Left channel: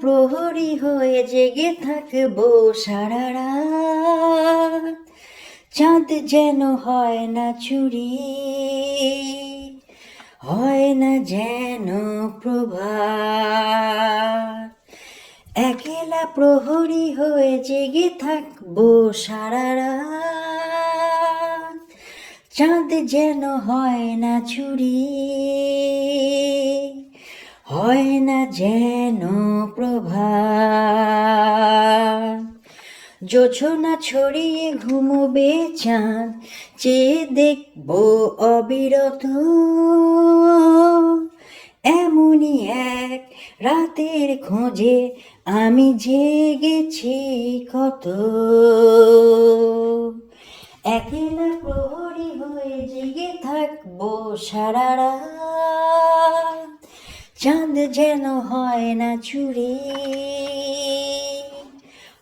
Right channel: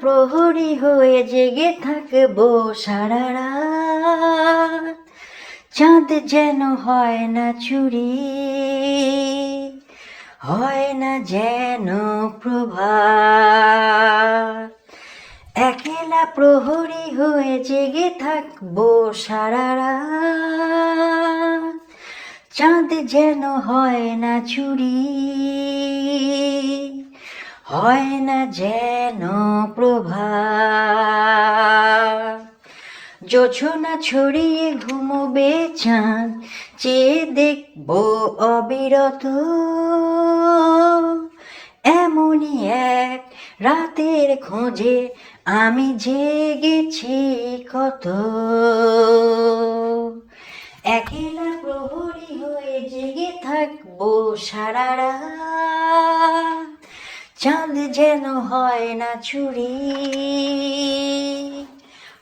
প্রহরী হয়ে জেগে থাকব সারা রাত। চাঁদ যেন হয় না চুরি হয় না যেন প্রভা একেলা প্রহরী হয়ে জেগে থাকব সারা রাত। চাঁদ যেন হয় না চুরি হয় না যেন প্রভা যোছনা ছড়িয়ে ঘুমোবে চাঁদ, চেয়ে দেখব অবিরত। এমনই এক রাতের খোঁজে আমি জেগেছি কত। একেলা প্রহরী হয়ে জেগে থাকব সারা রাত। চাঁদ যেন হয় না চুরি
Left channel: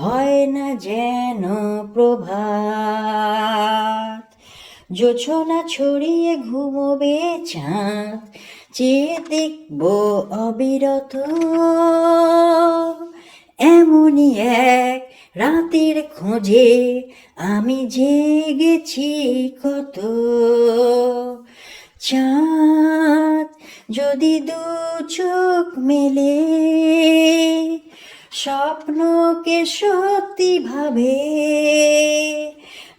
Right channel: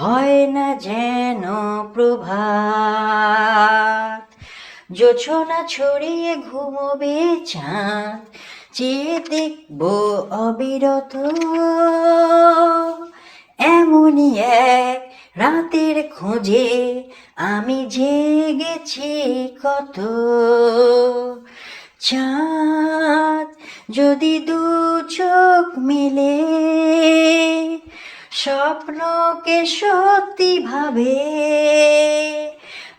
হয় না যেন প্রভাত। জোছনা ছড়িয়ে ঘুমোবে চাঁদ, চেয়ে দেখব অবিরত। এমনই এক রাতের খোঁজে আমি জেগেছি কত। চাঁদ যদি দু চোখ মেলে। স্বপ্নকে সত্যি ভাবে।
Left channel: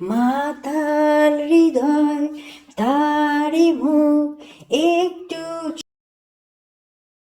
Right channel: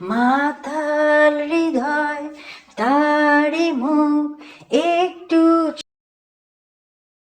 মাতাল হৃদয় তারি মুখ